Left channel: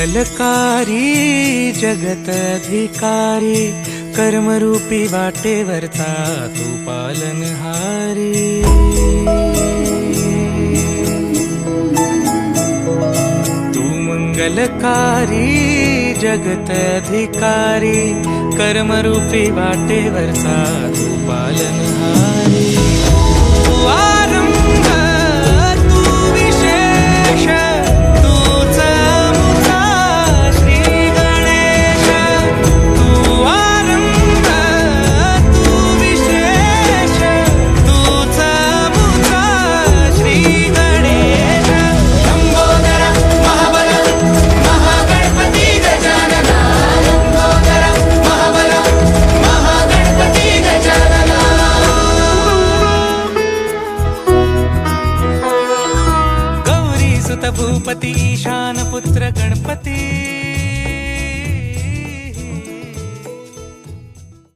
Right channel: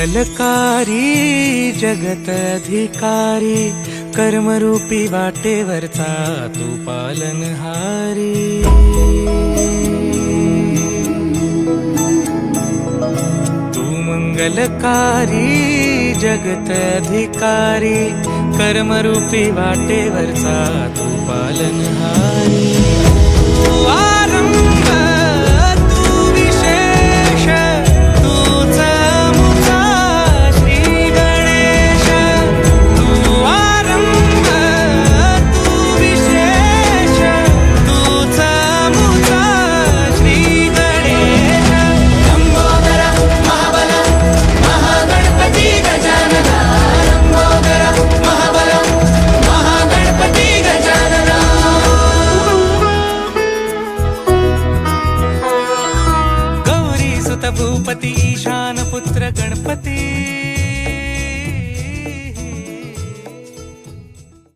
मंगलकारी जगत अधिकारी, कर्मरूपी वाटेवरचा तू पालनहारी। तू मंगलकारी जगत अधिकारी, कर्मरूपी वाटेवरचा तू पालनहारी। तू आरंभ तू विशेष, तूच मुचा श्री गणेश। तू आरंभ तू विशेष, तूच मुचा श्री गणेश। लंबोदर महाबल महागणपती गजानन, लंबोदर महाबल महागणपती गजानन। गौरी सुत भूपती ईशान पुत्र गणपती,